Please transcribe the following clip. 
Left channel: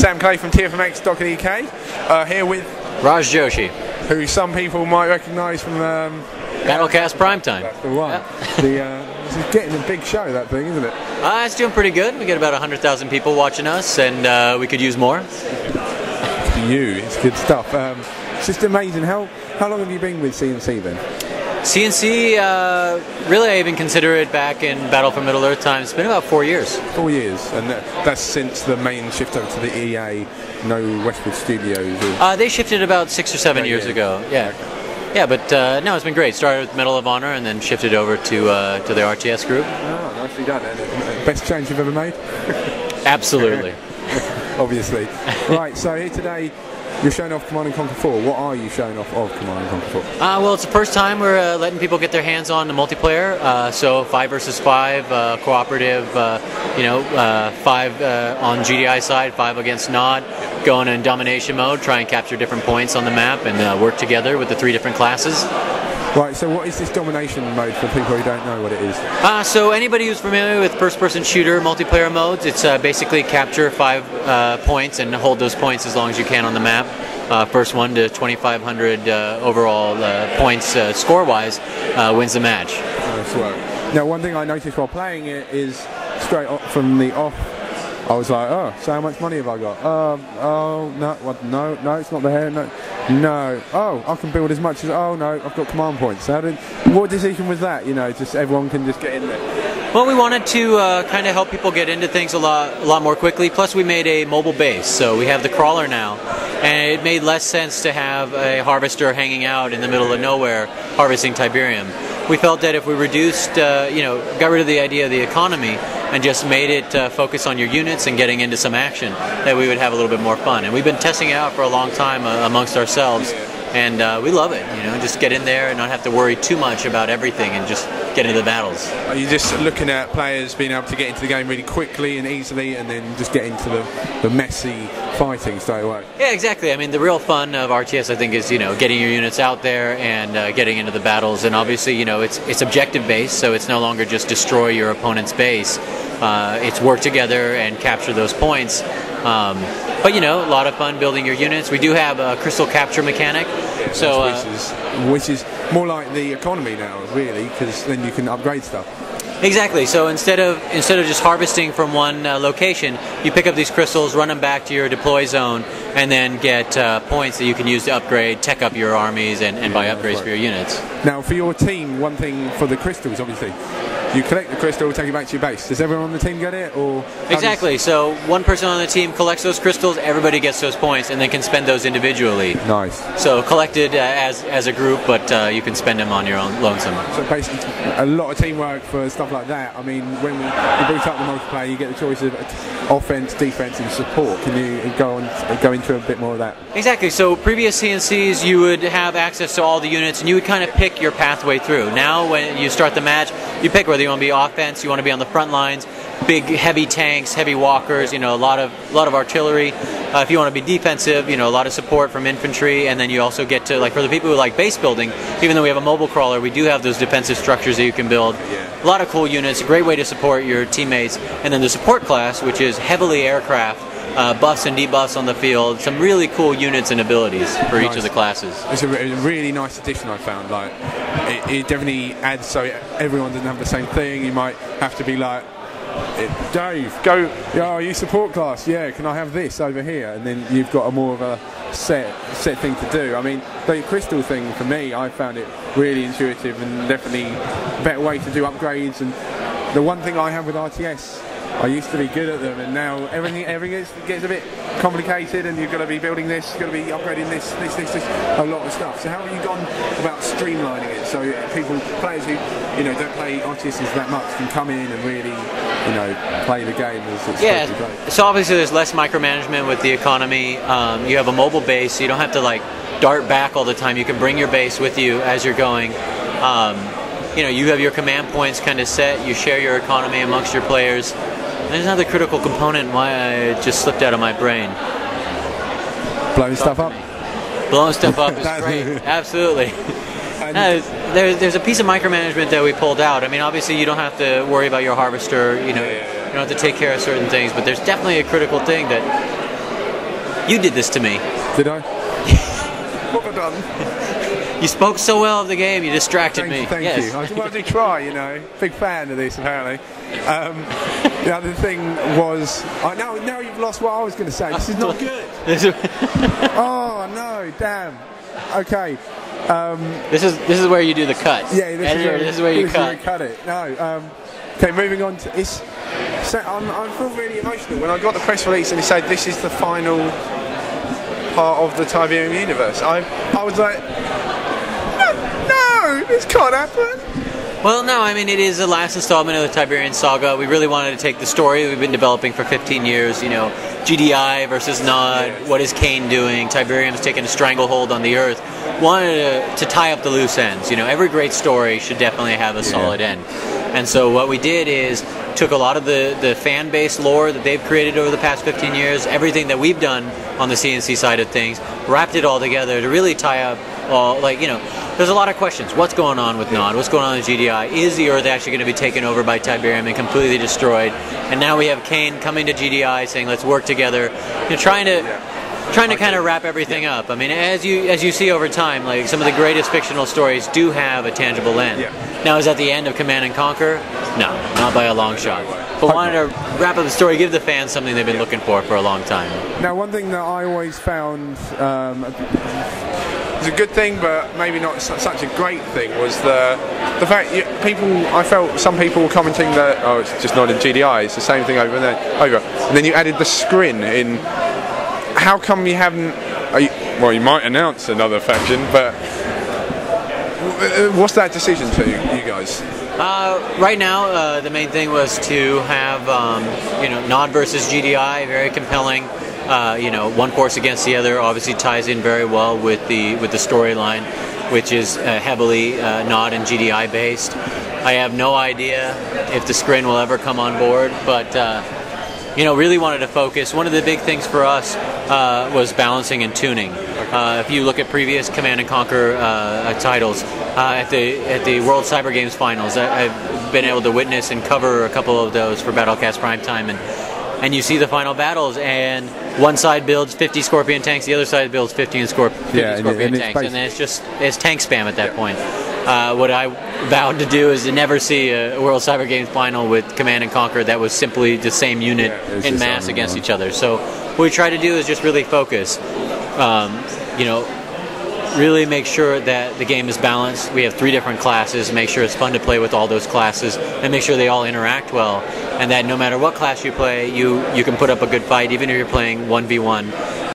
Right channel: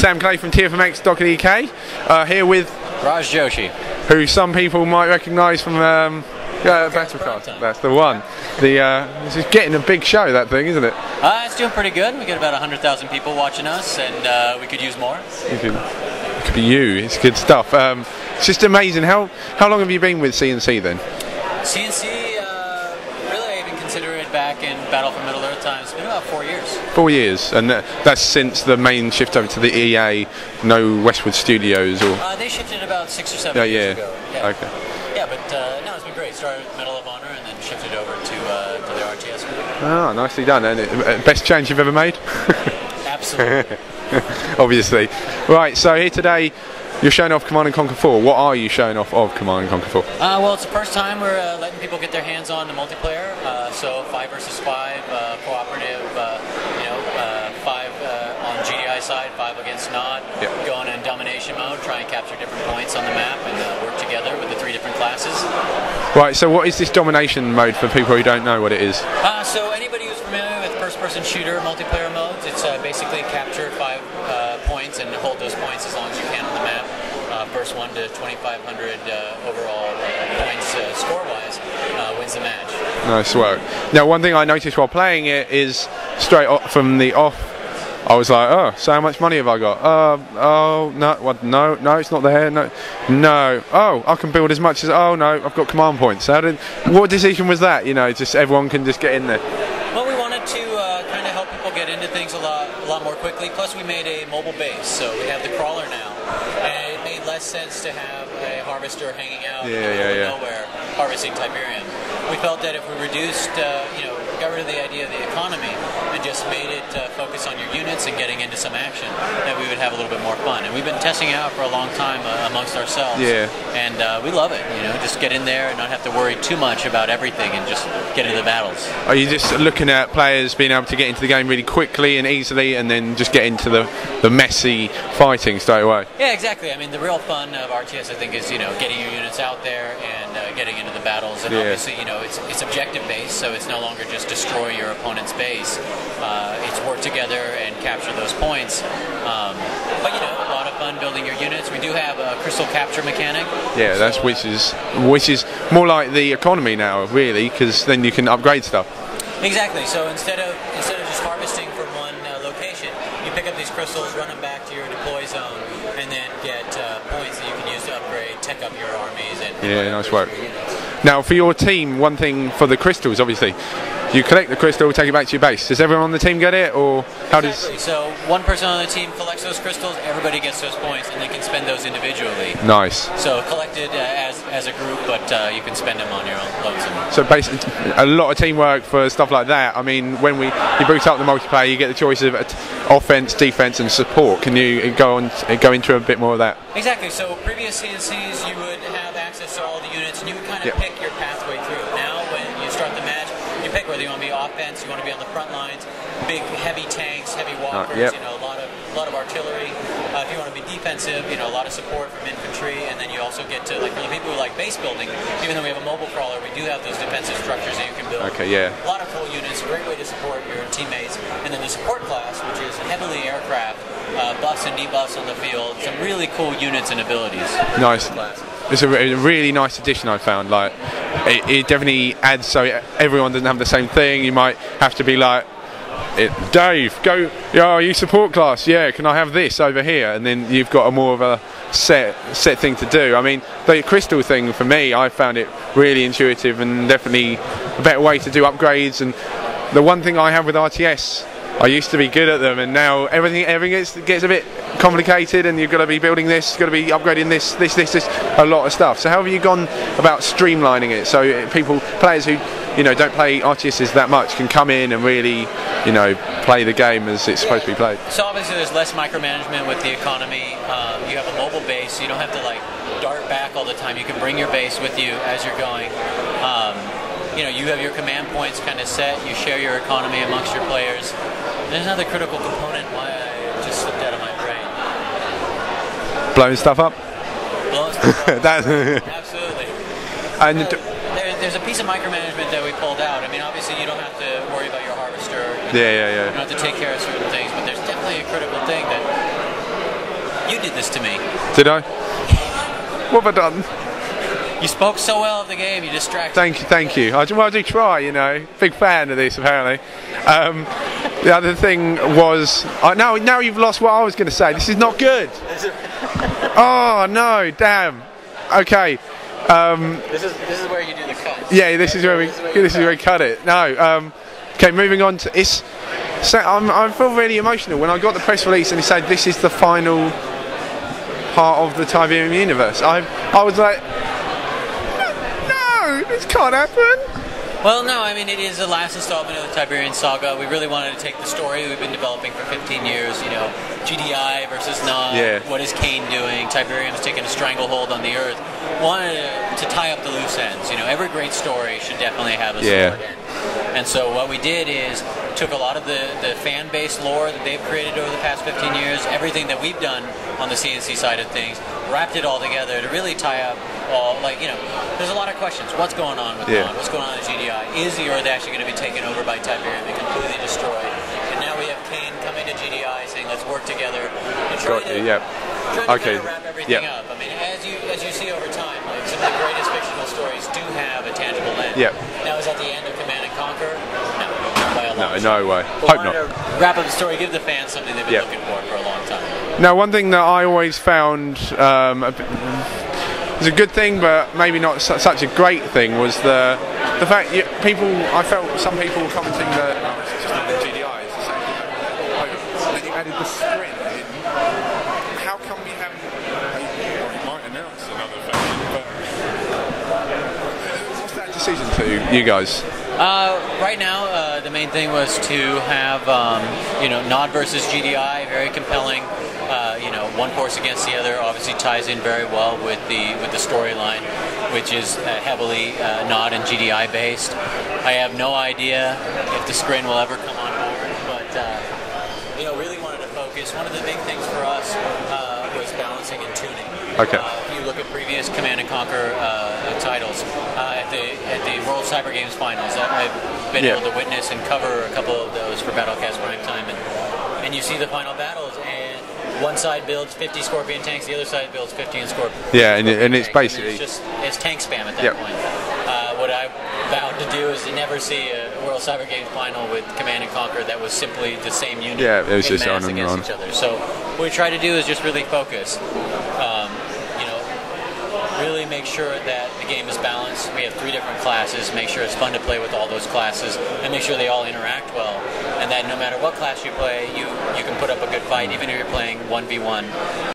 Sam Clay from TFMX.UK, here with Raj Joshi, who some people might recognise from Battlecast Primetime. That's the one. This is getting a big show, that thing, isn't it? It's doing pretty good. We get about 100,000 people watching us, and we could use more. It's good stuff. It's just amazing. How long have you been with CNC then? CNC, really I even consider it back in Battle for Middle-earth times. It's been about 4 years. 4 years, and that's since the main shift over to the EA, no Westwood Studios? Or... they shifted about 6 or 7 years ago. Yeah. Okay. Yeah, but no, it's been great. Started with Medal of Honor and then shifted over to the RTS group. Oh, nicely done. And best change you've ever made? Absolutely. Obviously. Right, so here today, you're showing off Command & Conquer 4. What are you showing off of Command & Conquer 4? Well, it's the first time we're letting people get their hands on the multiplayer. So 5 versus 5, cooperative, 5 on GDI side, 5 against Nod. Going in domination mode, try and capture different points on the map and work together with the 3 different classes. Right, so what is this domination mode for people who don't know what it is? So anybody who's familiar with first-person shooter multiplayer modes, it's basically capture 5 points and hold those points as long as you can on the map. First one to 2,500 overall points score-wise wins the match. Nice work. Now, one thing I noticed while playing it is straight off from the off, I was like, oh, so how much money have I got? Oh, no, what? No, it's not there. No. Oh, I can build as much as. Oh no, I've got command points. What decision was that? Just everyone can just get in there. Well, we wanted to kind of help people get into things a lot more quickly. Plus, we made a mobile base, so we have the crawler now, and it made less sense to have a harvester hanging out in the middle of nowhere harvesting Tiberium. We felt that if we reduced, got rid of the idea of the economy and just made it focus on your units and getting into some action, that we would have a little bit more fun. And we've been testing it out for a long time amongst ourselves, and we love it. Just get in there and not have to worry too much about everything and just get into the battles. Are you just looking at players being able to get into the game really quickly and easily, and then just get into the messy fighting straight away? Yeah, exactly. I mean, the real fun of RTS, I think, is getting your units out there and getting into the battles. And obviously, it's objective based, so it's no longer just destroy your opponent's base. It's work together and capture those points. But a lot of fun building your units. We do have a crystal capture mechanic. Yeah, so, which is more like the economy now, really, because then you can upgrade stuff. Exactly. So instead of just harvesting from one location, you pick up these crystals, run them back to your deploy zone, and then get points that you can use to upgrade, tech up your armies, and buy upgrades for your units. Now, for your team, one thing for the crystals, obviously, you collect the crystal, take it back to your base. Does everyone on the team get it, or exactly? So one person on the team collects those crystals, everybody gets those points, and they can spend those individually. Nice. So collected as a group, but you can spend them on your own lonesome. So basically, a lot of teamwork for stuff like that. I mean, when you boot up the multiplayer, you get the choice of offense, defense, and support. Can you go into a bit more of that? Exactly. So previous CNCs, you would have access to all the units, and you would kind of pick your pathway through. Now, when you start the match, you pick whether you want to be offense, you want to be on the front lines, big heavy tanks, heavy walkers, a lot of artillery. If you want to be defensive, a lot of support from infantry, and then you also get to, like, for the people who like base building, even though we have a mobile crawler, we do have those defensive structures that you can build. A lot of cool units, a great way to support your teammates. And then the support class, which is heavily aircraft, buffs and debuffs on the field, some really cool units and abilities for each of the classes. It's a really nice addition, I found. Like, it definitely adds, so everyone doesn't have the same thing. You might have to be like, Dave, go, are you support class? Yeah, can I have this over here? And then you've got a more of a set thing to do. I mean, the crystal thing, for me, I found it really intuitive and definitely a better way to do upgrades. And the one thing I have with RTS, I used to be good at them, and now everything gets a bit complicated, and you've got to be building this, you've got to be upgrading this, a lot of stuff. So how have you gone about streamlining it so players who don't play RTSs that much can come in and really play the game as it's supposed to be played? So obviously there's less micromanagement with the economy. You have a mobile base, so you don't have to dart back all the time. You can bring your base with you as you're going. You have your command points kind of set. You share your economy amongst your players. There's another critical component why I just slipped out of my brain. Blowing stuff up? Blowing stuff up. Absolutely. There's a piece of micromanagement that we pulled out. I mean, obviously you don't have to worry about your harvester. You don't have to take care of certain things, but there's definitely a critical thing that You did this to me. Did I? What have I done? You spoke so well of the game, you distracted me. Thank you. I do try, you know. Big fan of this, apparently. The other thing was... now you've lost what I was going to say. This is not good. Oh, no, damn. Okay. This is where you do the cut. Yeah, this is where we cut it. No. Okay, moving on to... I felt really emotional when I got the press release and he said this is the final part of the Tiberium universe. I was like, no, this can't happen. Well, no, I mean, it is the last installment of the Tiberian saga. We really wanted to take the story we've been developing for 15 years, you know, GDI versus Nod, yes. What is Kane doing, Tiberium's taking a stranglehold on the Earth. Wanted to tie up the loose ends. You know, every great story should definitely have a solid end. And so what we did is took a lot of the fan-based lore that they've created over the past 15 years, everything that we've done on the CNC side of things, wrapped it all together to really tie up all, like, you know, there's a lot of questions. What's going on with Nod? What's going on with GDI? Is the Earth actually going to be taken over by Tiberium and completely destroyed? And now we have Kane coming to GDI saying, let's work together. You're trying to kind of wrap everything up. I mean, as you see over time, like some of the greatest fictional stories do have a tangible end. Now, is that the end of Command and Conquer? No, not by a long shot. No way. But wanted to wrap up the story, give the fans something they've been looking for a long time. Now, one thing that I always found was a good thing, but maybe not such a great thing, was the fact I felt some people were commenting that, oh, it's just not in GDI, it's the same thing over and over. And then you added the scrin in. How come you haven't... well, you might announce another faction, but what's that decision to you guys? Right now, the main thing was to have Nod versus GDI, very compelling. One force against the other obviously ties in very well with the storyline, which is heavily Nod and GDI based. I have no idea if the scrin will ever come on board, but really wanted to focus. One of the big things for us was balancing and tuning. Okay. If you look at previous Command and Conquer titles, at the World Cyber Games Finals, I've been able to witness and cover a couple of those for Battlecast Primetime, and you see the final battles, and one side builds 50 Scorpion tanks, the other side builds 15 Scorpion and tanks, it's basically... and it's tank spam at that point. What I vowed to do is to never see a World Cyber Games final with Command and Conquer that was simply the same unit in mass against each other. So what we try to do is just really focus. Really make sure that the game is balanced. We have 3 different classes, make sure it's fun to play with all those classes, and make sure they all interact well, and that no matter what class you play, you can put up a good fight, even if you're playing 1v1.